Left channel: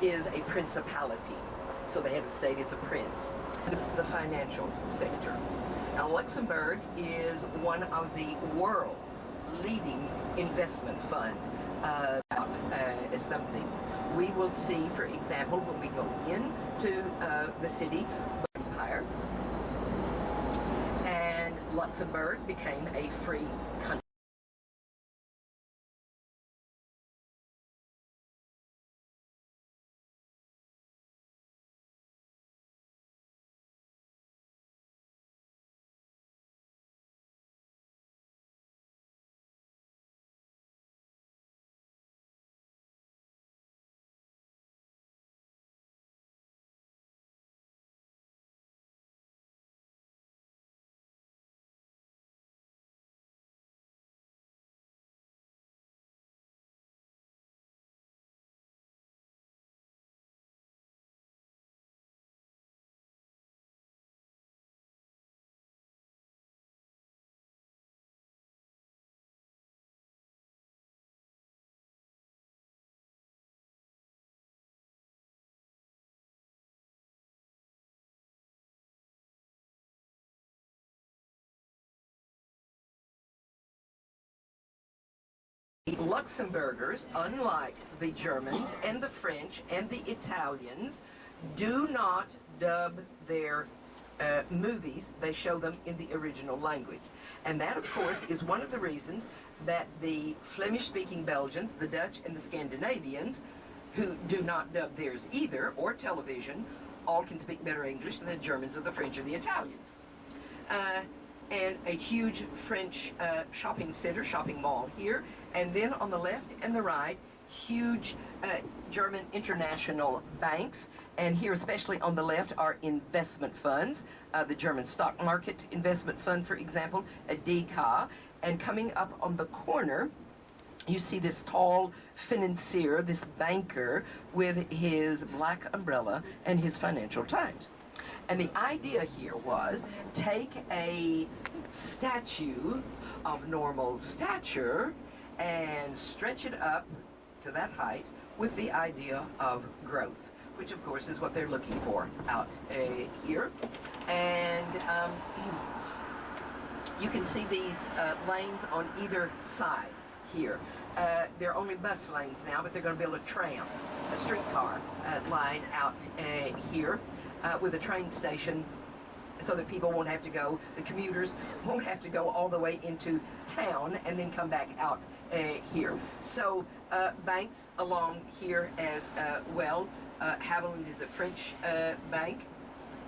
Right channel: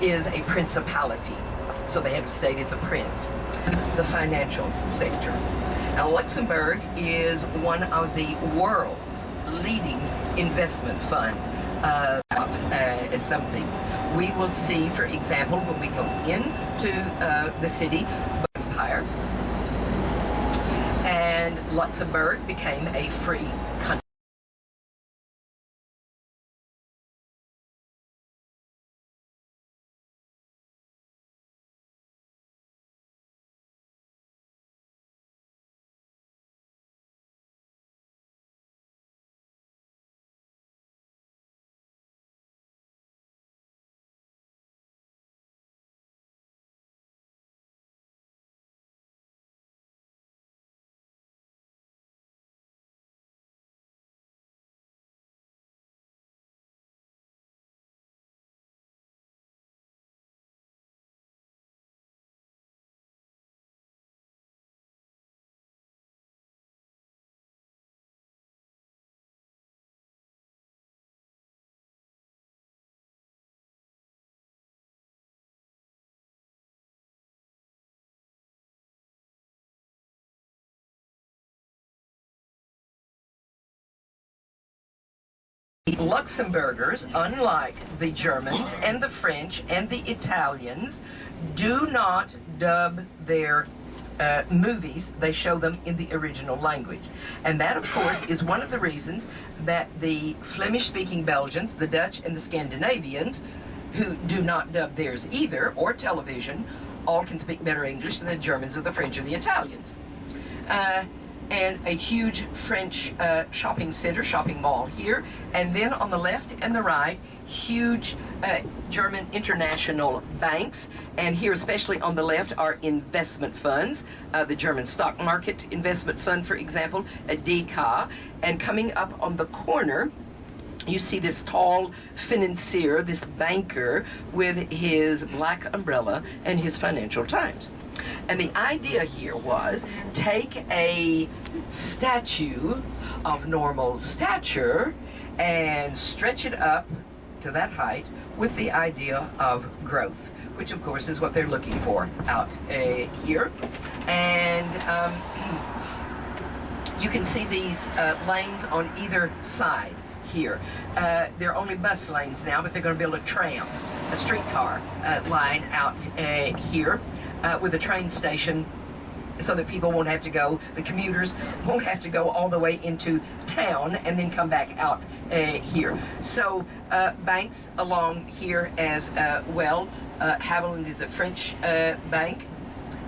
is a principality. So the head of state is a prince. The financial sector. Now, Luxembourg is one of the world's leading investment fund as something. We will see, for example, when we go into the city, empire, and Luxembourg became a free country. Luxembourgers, unlike the Germans and the French and the Italians, do not dub their movies. They show them in the original language. And that, of course, is one of the reasons that the Flemish-speaking Belgians, the Dutch, and the Scandinavians, who do not dub theirs either, or television, all can speak better English than the Germans or the French or the Italians. And a huge French shopping center, shopping mall here, and then on the left and the right, huge German international banks, and here especially on the left are investment funds, the German stock market investment fund, for example, a DK, and coming up on the corner, you see this tall financier, this banker, with his black umbrella and his Financial Times. And the idea here was take a statue of normal stature and stretch it up to that height with the idea of growth, which of course is what they're looking for out here. And you can see these lanes on either side here. They're only bus lanes now, but they're going to build a tram, a streetcar line out here with a train station, so that people won't have to go, the commuters won't have to go all the way into town and then come back out here. So banks along here as well. Havilland is a French bank.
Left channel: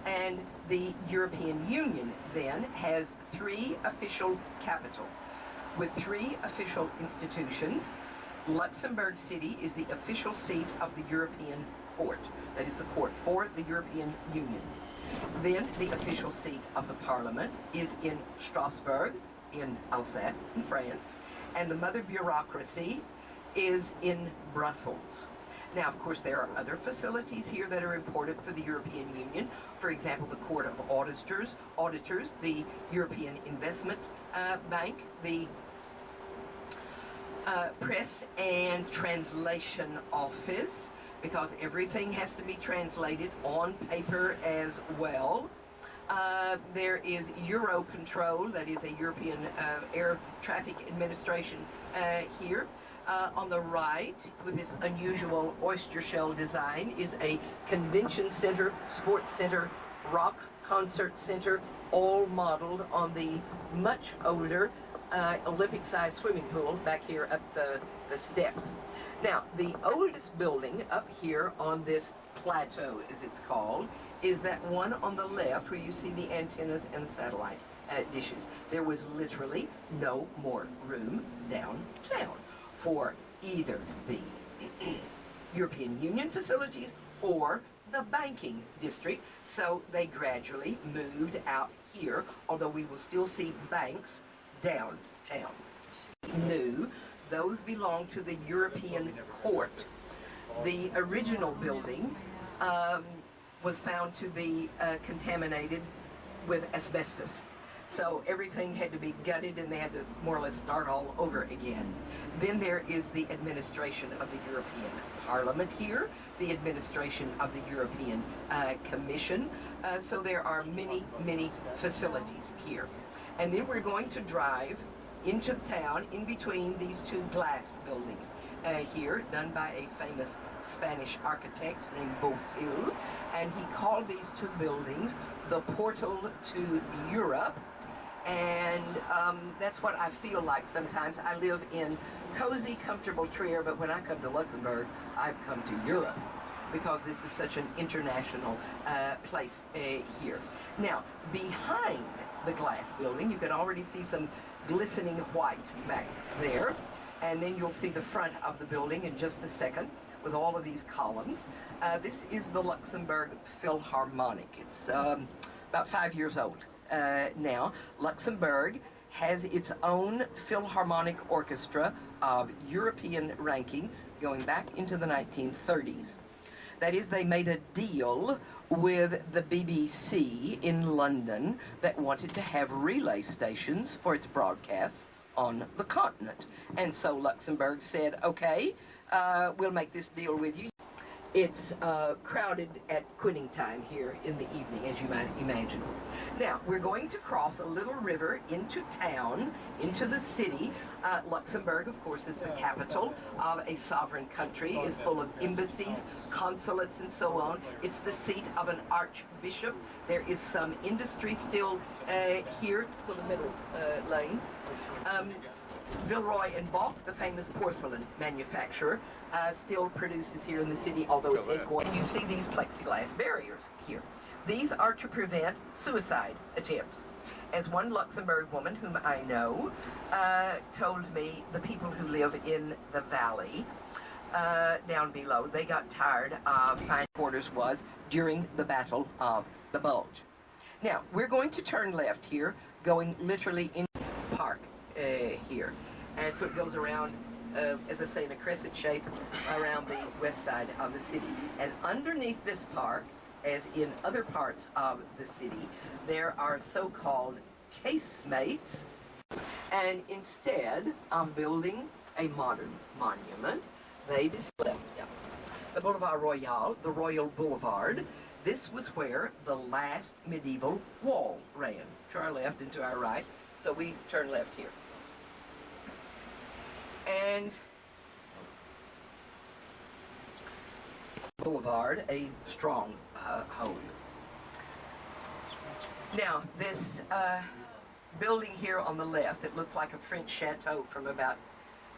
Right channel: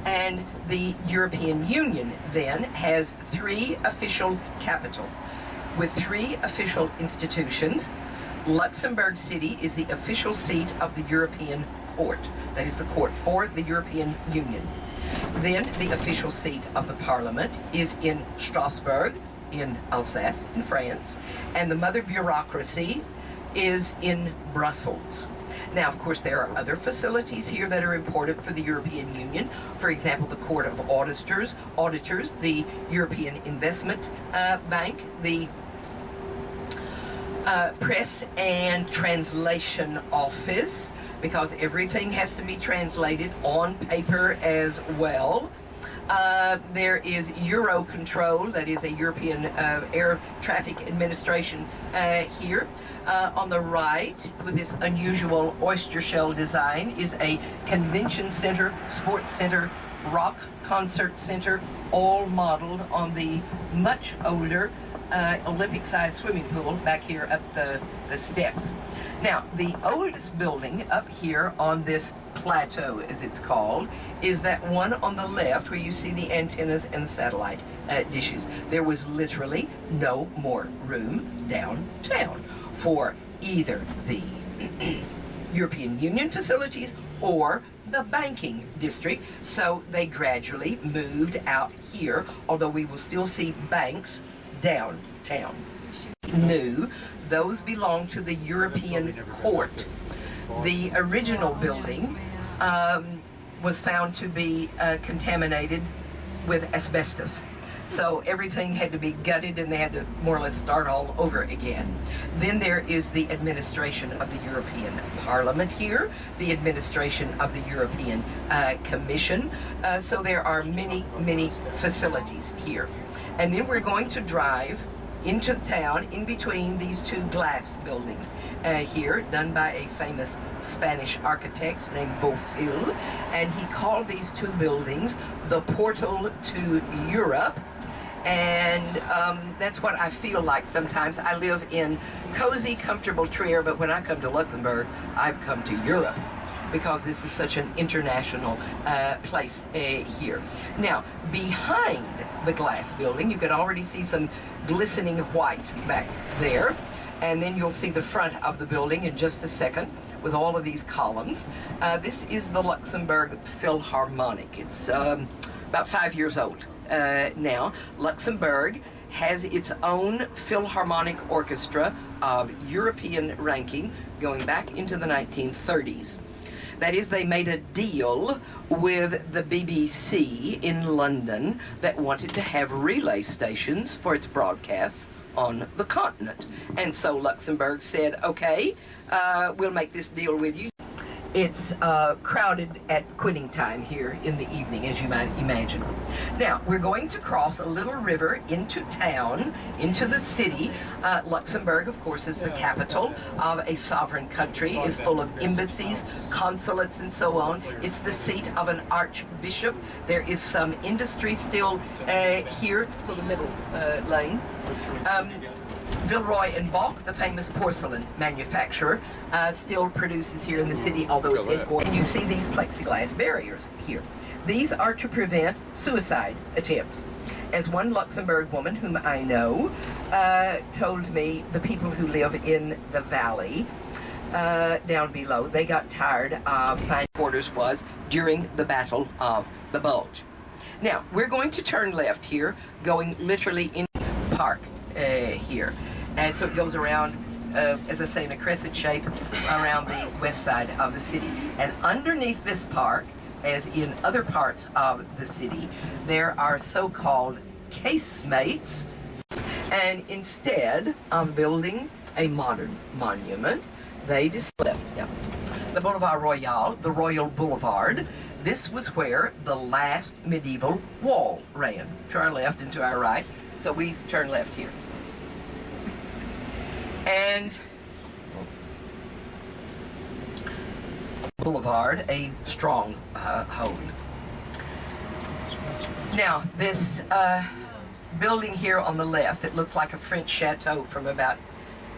And the European Union then has 3 official capitals with 3 official institutions. Luxembourg City is the official seat of the European Court. That is the court for the European Union. Then the official seat of the Parliament is in Strasbourg, in Alsace, in France, and the mother bureaucracy is in Brussels. Now, of course, there are other facilities here that are important for the European Union. For example, the Court of Auditors, the European Investment Bank, the Press and Translation Office, because everything has to be translated on paper as well. There is Eurocontrol, that is a European Air Traffic Administration here. On the right, with this unusual oyster shell design, is a convention center, sports center, rock concert center, all modeled on the much older Olympic-sized swimming pool back here up the steps. Now, the oldest building up here on this plateau, as it's called, is that one on the left where you see the antennas and the satellite dishes. There was literally no more room downtown for either the European Union facilities or the banking district, so they gradually moved out here, although we will still see banks downtown. New, those belong to the European Court. The original building was found to be contaminated with asbestos. So everything had to be gutted and they had to more or less start all over again. Then there is the administration of the European Parliament here, the administration of the European Commission. So there are many, many facilities here. And then we're going to drive into the town in between these two glass buildings here, done by a famous Spanish architect named Beaufil, and he called these two buildings the portal to Europe. And that's what I feel like sometimes. I live in cozy, comfortable Trier, but when I come to Luxembourg, I've come to Europe because this is such an international place here. Now, behind the glass building, you can already see some glistening white back there, and then you'll see the front of the building in just a second with all of these columns. This is the Luxembourg Philharmonic. It's about 5 years old now. Luxembourg has its own Philharmonic Orchestra of European ranking going back into the 1930s. That is, they made a deal with the BBC in London that wanted to have relay stations for its broadcasts on the continent. And so Luxembourg said, okay, we'll make this deal with you. It's crowded at quitting time here in the evening, as you might imagine. Now, we're going to cross a little river into town, into the city. Luxembourg, of course, is the capital of a sovereign country, is full of embassies, consulates, and so on. It's the seat of an archbishop. There is some industry still here, so the middle lane. Villeroy and Boch, the famous porcelain manufacturer, still produces here in the city, although it's headquartered. And you see these plexiglass barriers here. These are to prevent suicide attempts. As one Luxembourg woman whom I know told me, the people who live in the valley down below, they got tired of finding quarters was during the Battle of the Bulge. Now, we're going to turn left here, going literally in the park here. And so it goes around, as I say, in a crescent shape around the west side of the city. And underneath this park, as in other parts of the city, there are so-called casemates. And instead of building a modern monument, they just left the Boulevard Royal, the Royal Boulevard. This was where the last medieval wall ran, to our left and to our right. So we turn left here. And Boulevard, a strong hold. Now, this building here on the left, it looks like a French chateau from about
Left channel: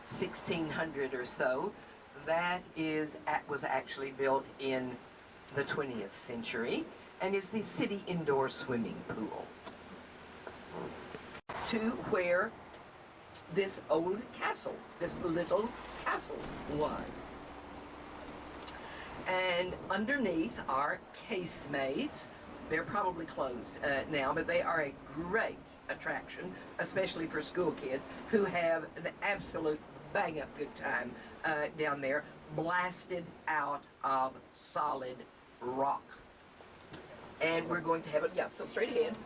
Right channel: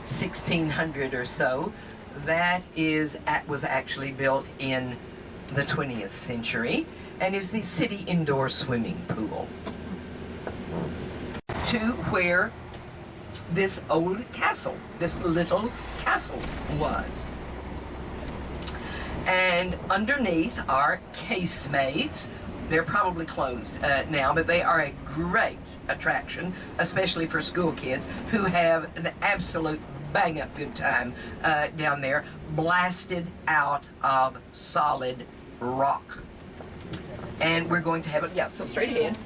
1600 or so. That was actually built in the 20th century and is the city indoor swimming pool. To where this old castle, this little castle was. And underneath are casemates. They're probably closed now, but they are a great attraction, especially for school kids who have an absolute bang-up good time down there, blasted out of solid rock. And we're going to have it, so straight ahead.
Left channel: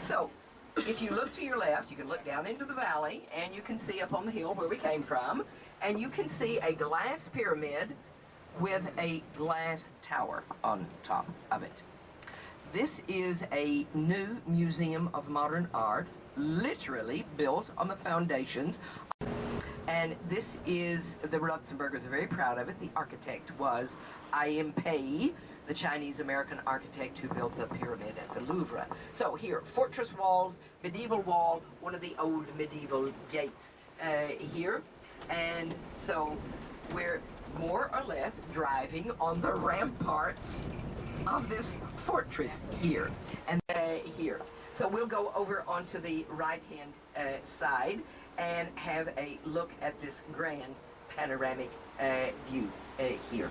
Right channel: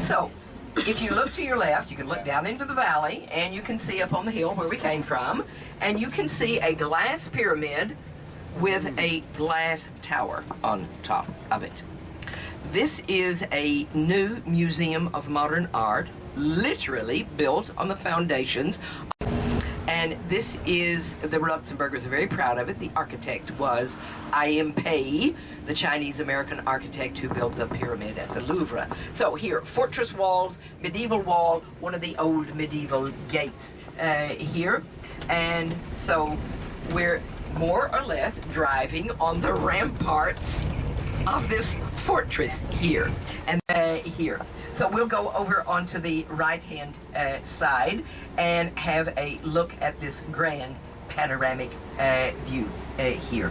So, if you look to your left, you can look down into the valley, and you can see up on the hill where we came from, and you can see a glass pyramid with a glass tower on top of it. This is a new museum of modern art, literally built on the foundations. And this is, the Luxembourgers are very proud of it. The architect was I.M. Pei, the Chinese-American architect who built the pyramid at the Louvre. So here, fortress walls, medieval wall, one of the old medieval gates here. And so we're more or less driving on the ramparts of this fortress here and here. So we'll go over onto the right-hand side and have a look at this grand panoramic view here.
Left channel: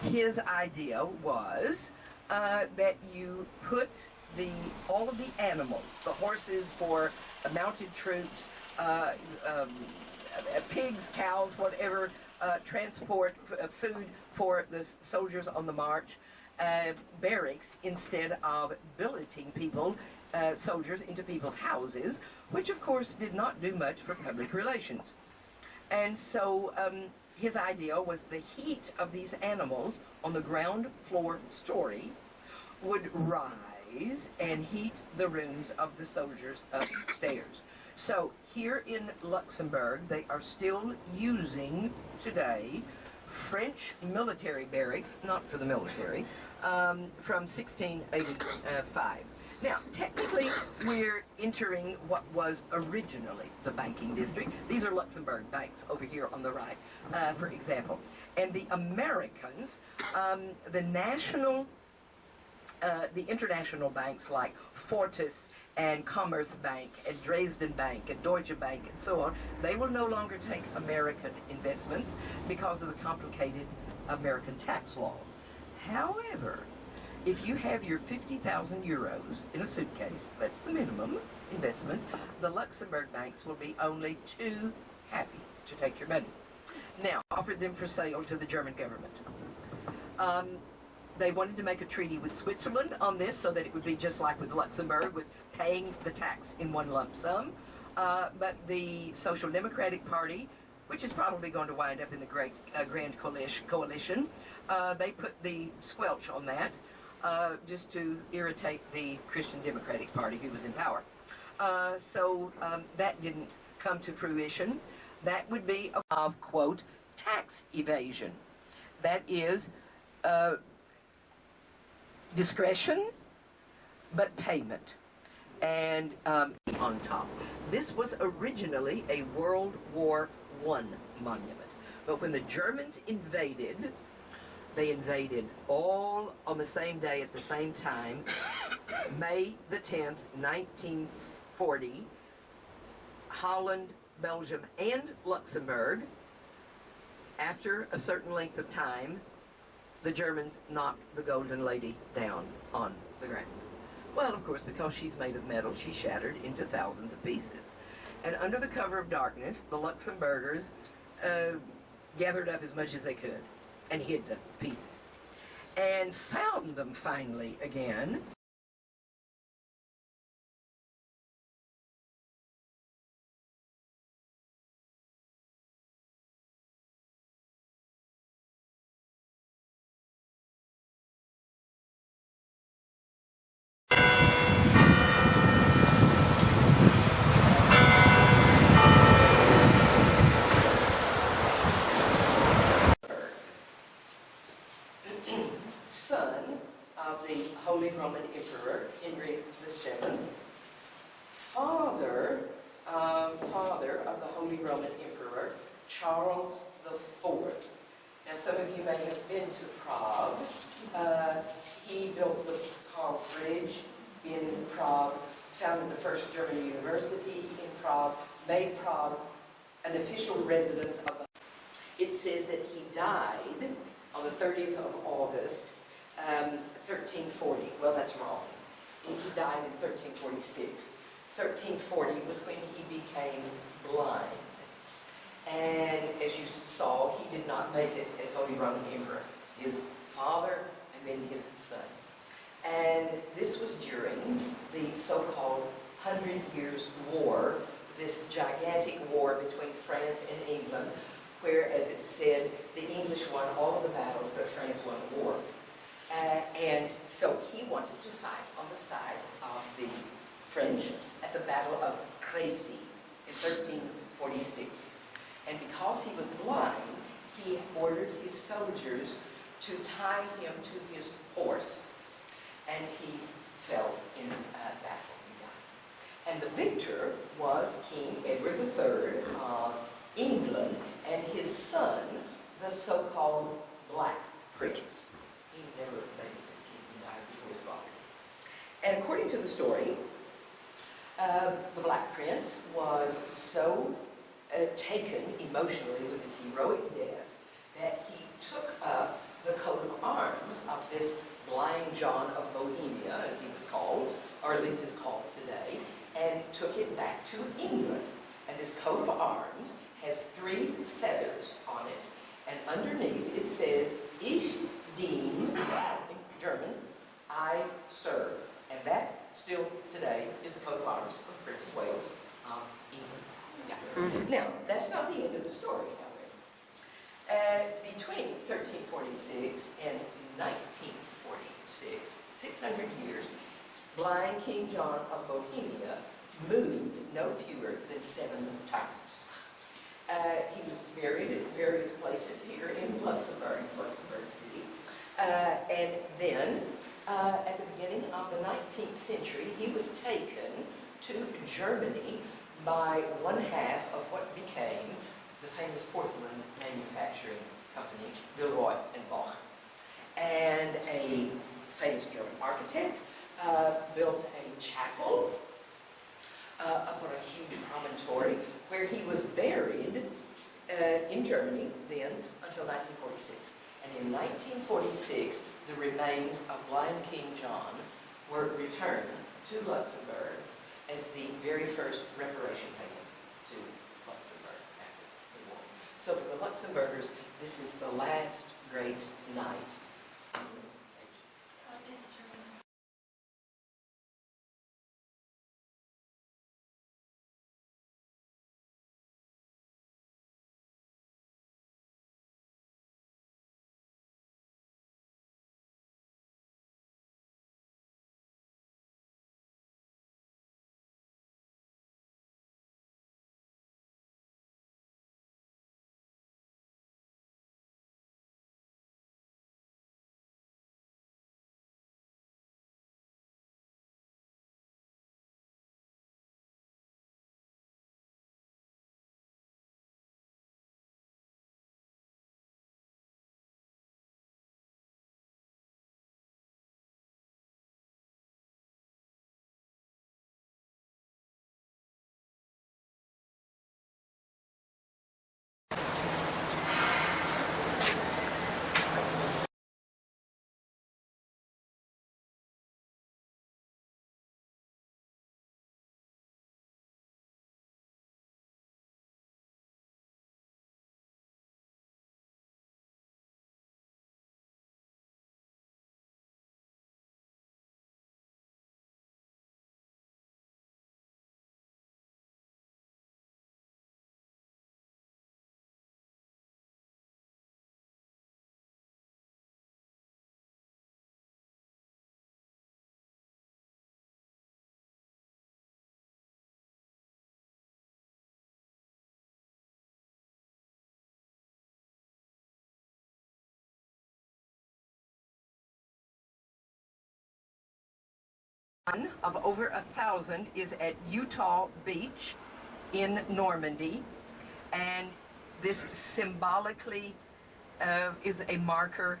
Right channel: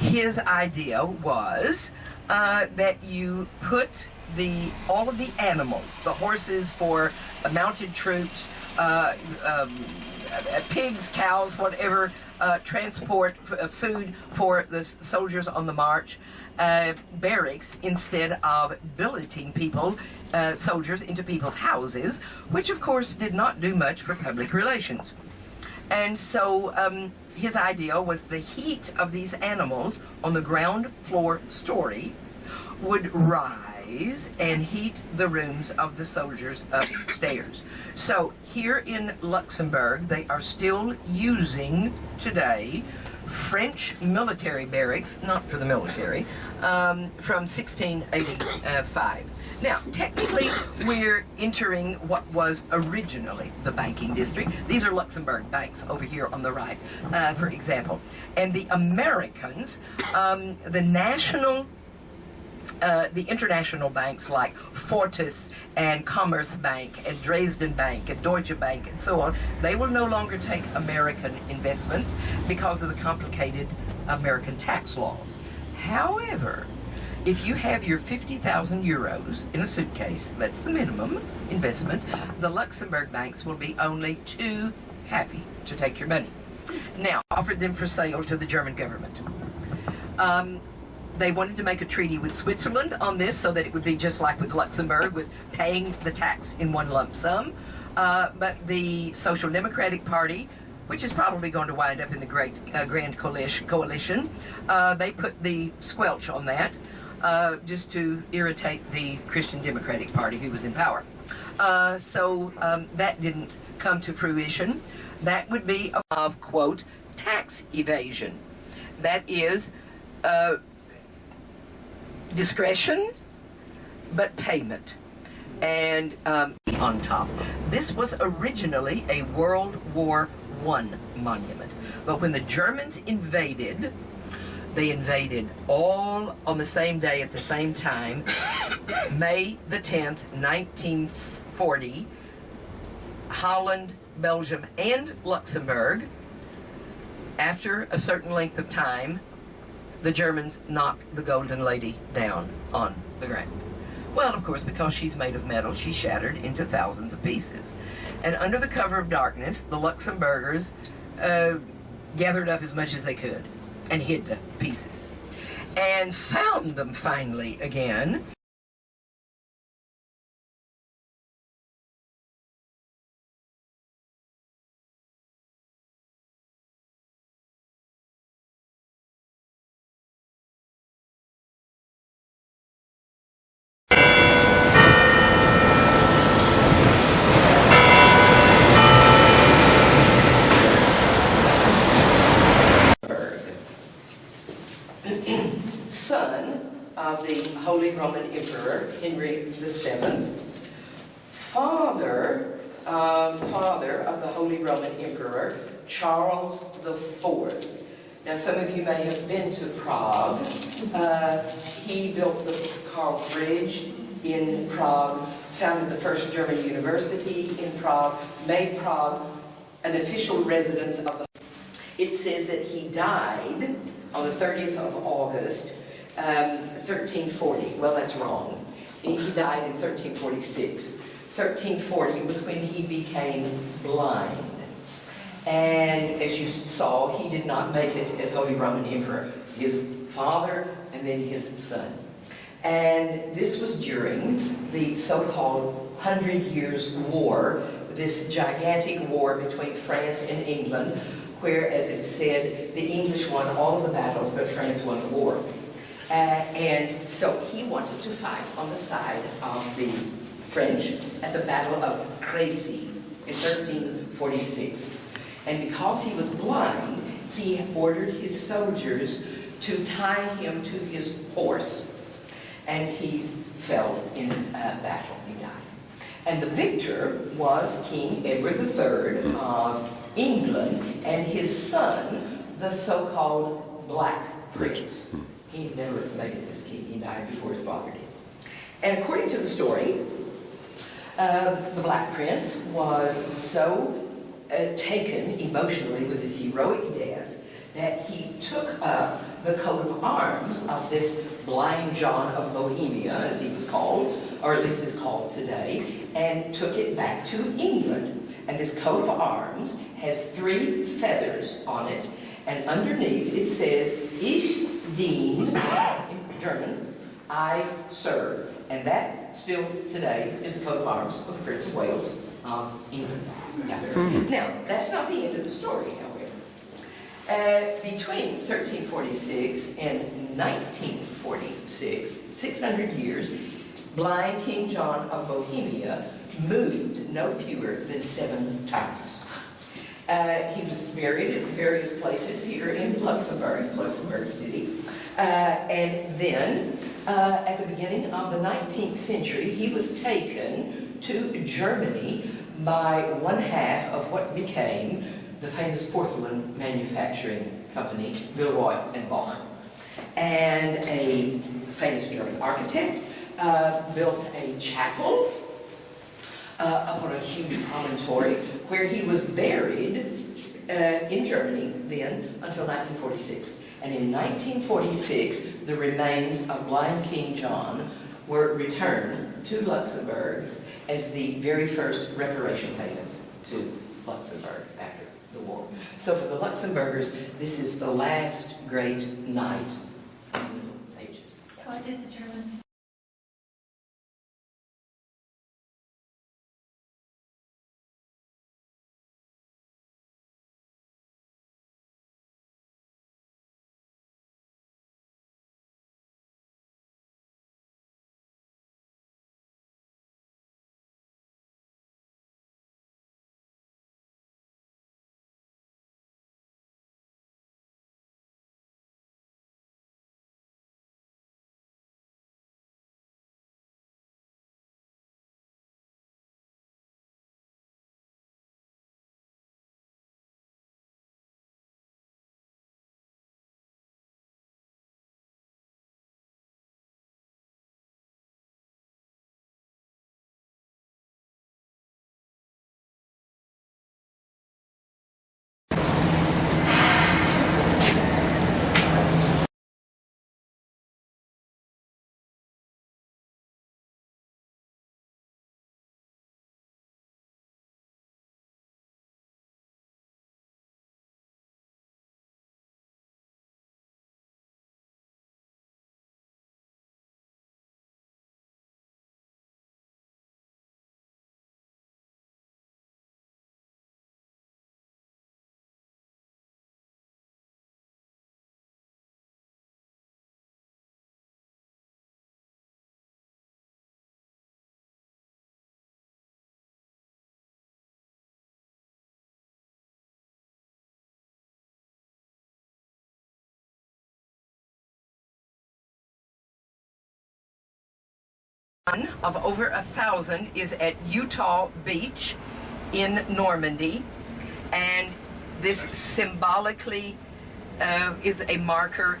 his idea was that you put all of the animals, the horses for mounted troops, pigs, cows, whatever, transport food for the soldiers on the march, barracks, instead of billeting people, soldiers, into people's houses, which of course did not do much for public relations. And so his idea was the heat of these animals on the ground floor story would rise and heat the rooms of the soldiers upstairs. So here in Luxembourg, they are still using today French military barracks, not for the military, from 1685. Now, technically, we're entering what was originally the banking district. These are Luxembourg banks over here on the right, for example. And the Americans, the international banks like Fortis and Commerce Bank and Dresden Bank and Deutsche Bank and so on, they will no longer take American investments because of the complicated American tax laws. However, if you have your 50,000 euros in a suitcase, that's the minimum investment, the Luxembourg banks will be only too happy to take your money. Now, offered them for sale to the German government. They wanted to make a treaty with Switzerland on this so that it would be just like with Luxembourg, with paying the tax in one lump sum. But the Social Democratic Party, which is probably going to wind up in the great Grand Coalition, they put the squelch on that just to irritate the Christian Democratic Party who was in power. So that didn't come to fruition. That would be of, quote, tax evasion. That is discretion, but payment. And on top. This was originally a World War I monument. But when the Germans invaded, they invaded all on the same day at the same time, May the 10th, 1940, Holland, Belgium, and Luxembourg. After a certain length of time, the Germans knocked the Golden Lady down on the ground. Well, of course, because she's made of metal, she shattered into thousands of pieces. And under the cover of darkness, the Luxembourgers gathered up as much as they could and hid the pieces. And found them finally again. Son of the Holy Roman Emperor Henry VII, father of the Holy Roman Emperor Charles IV. Now, some of you may have been to Prague. He built the Karl Bridge in Prague, founded the first German university in Prague, made Prague an official residence of the. It says that he died on the 30th of August, 1340. Well, that's wrong. He died in 1346. 1340 was when he became blind. And as you saw, he did not make it as Holy Roman Emperor. His father and then his son. And this was during the so-called 100 Years' War, this gigantic war between France and England, where, as it said, the English won all of the battles, but France won the war. And so he wanted to fight on the side of the French at the Battle of Crécy in 1346. And because he was blind, he ordered his soldiers to tie him to his horse. And he fell in battle. He died. And the victor was King Edward III of England, and his son, the so-called Black Prince. He never made it as king. He died before his father did. And according to the story, the Black Prince was so taken emotionally with his heroic death that he took up the coat of arms of this blind John of Bohemia, as he was called, or at least is called today, and took it back to England. And this coat of arms has 3 feathers on it, and underneath it says, Ich dien, in German, I serve. And that still today is the coat of arms of the Prince of Wales of England. Yeah. Now, that's not the end of the story, however. Between 1346 and 1946, 600 years, blind King John of Bohemia moved no fewer than 7 times. He was buried at various places here in Luxembourg City. And then, at the beginning of the 19th century, he was taken to Germany by one half of what became the famous porcelain manufacturing company, Villeroy and Boch. And a famous German architect built a chapel up on a huge promontory where he was buried in Germany then until 1946. And in 1946, the remains of blind King John were returned to Luxembourg as the very first reparation payments to Luxembourg after the war. So for the Luxembourgers, this is the last great night in the Middle Ages. Why did the Germans? One of over 1,000 is at Utah Beach in Normandy, and this symbolically is a marker.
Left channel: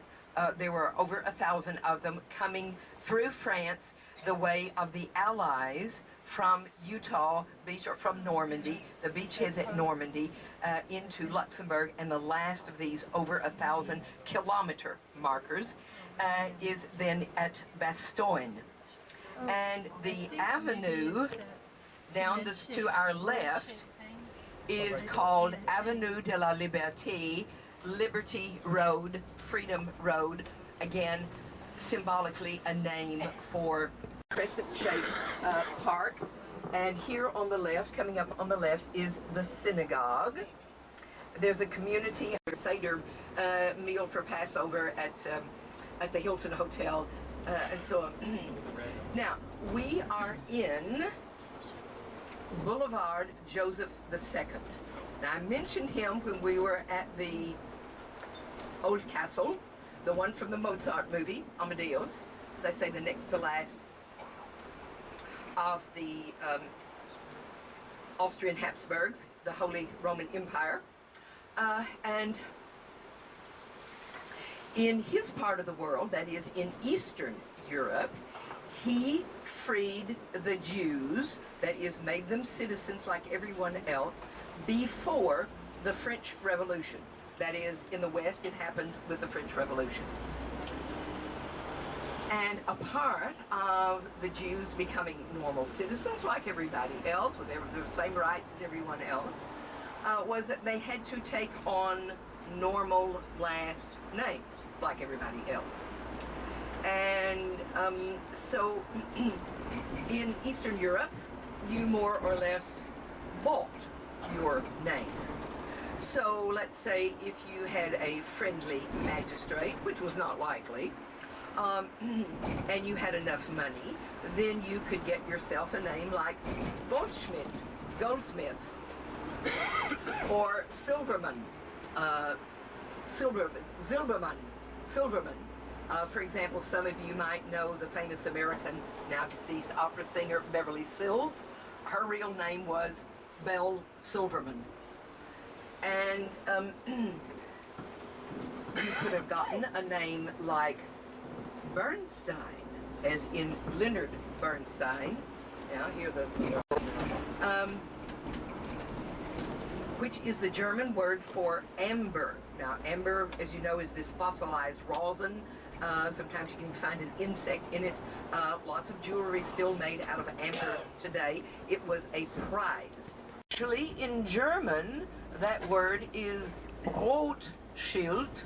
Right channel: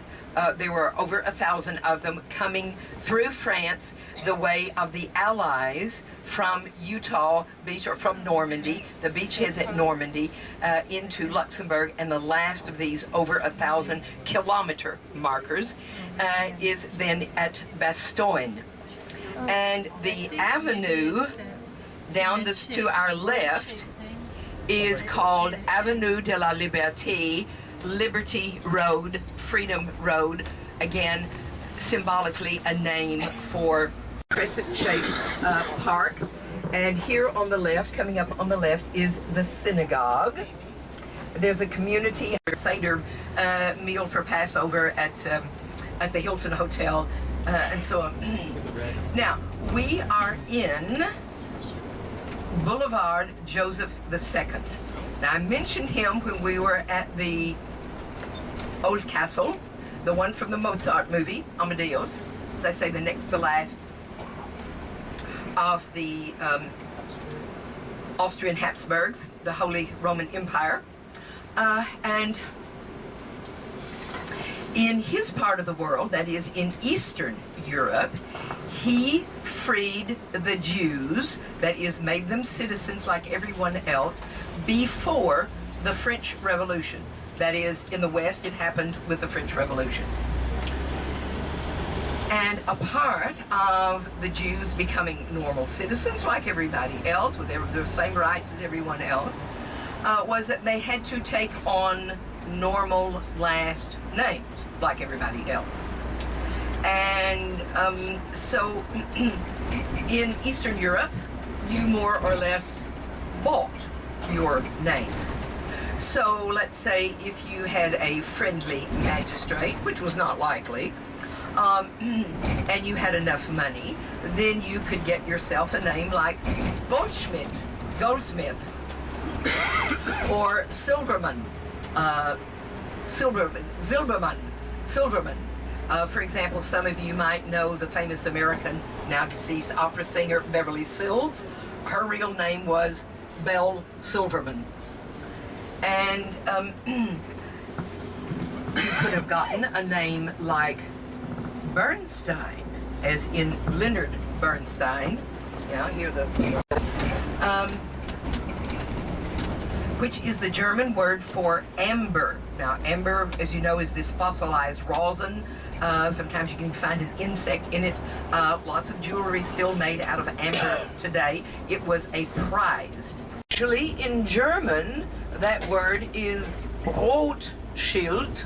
There were over 1,000 of them coming through France the way of the Allies from Utah Beach, or from Normandy, the beachheads at Normandy, into Luxembourg, and the last of these over 1,000 kilometer markers is then at Bastogne. And the avenue down this to our left is called Avenue de la Liberté, Liberty Road, Freedom Road, again, symbolically a name for crescent-shaped park. And here on the left, coming up on the left, is the synagogue. There's a community Seder meal for Passover at the Hilton Hotel, and so on. Now, we are in Boulevard Joseph II. Now, I mentioned him when we were at the Old Castle, the one from the Mozart movie, Amadeus, as I say, the next to last of the Austrian Habsburgs, the Holy Roman Empire. And in his part of the world, that is in Eastern Europe, he freed the Jews, that is, made them citizens like everyone else, before the French Revolution. That is, in the West, it happened with the French Revolution. And a part of the Jews becoming normal citizens like everybody else, with the same rights as everyone else, was that they had to take on normal last names like everybody else. And so in Eastern Europe, you more or less bought your name. So let's say if you had a friendly magistrate, which was not likely, and you had enough money, then you could get yourself a name like Goldsmith, or Silverman, Silberman. For example, some of you might know the famous American, now deceased opera singer Beverly Sills. Her real name was Belle Silverman. And you could have gotten a name like Bernstein, as in Leonard Bernstein. Yeah, which is the German word for amber. Now, amber, as you know, is this fossilized rosin. Sometimes you can find an insect in it. Lots of jewelry still made out of amber today. It was a prized. Actually, in German, that word is Rotschild,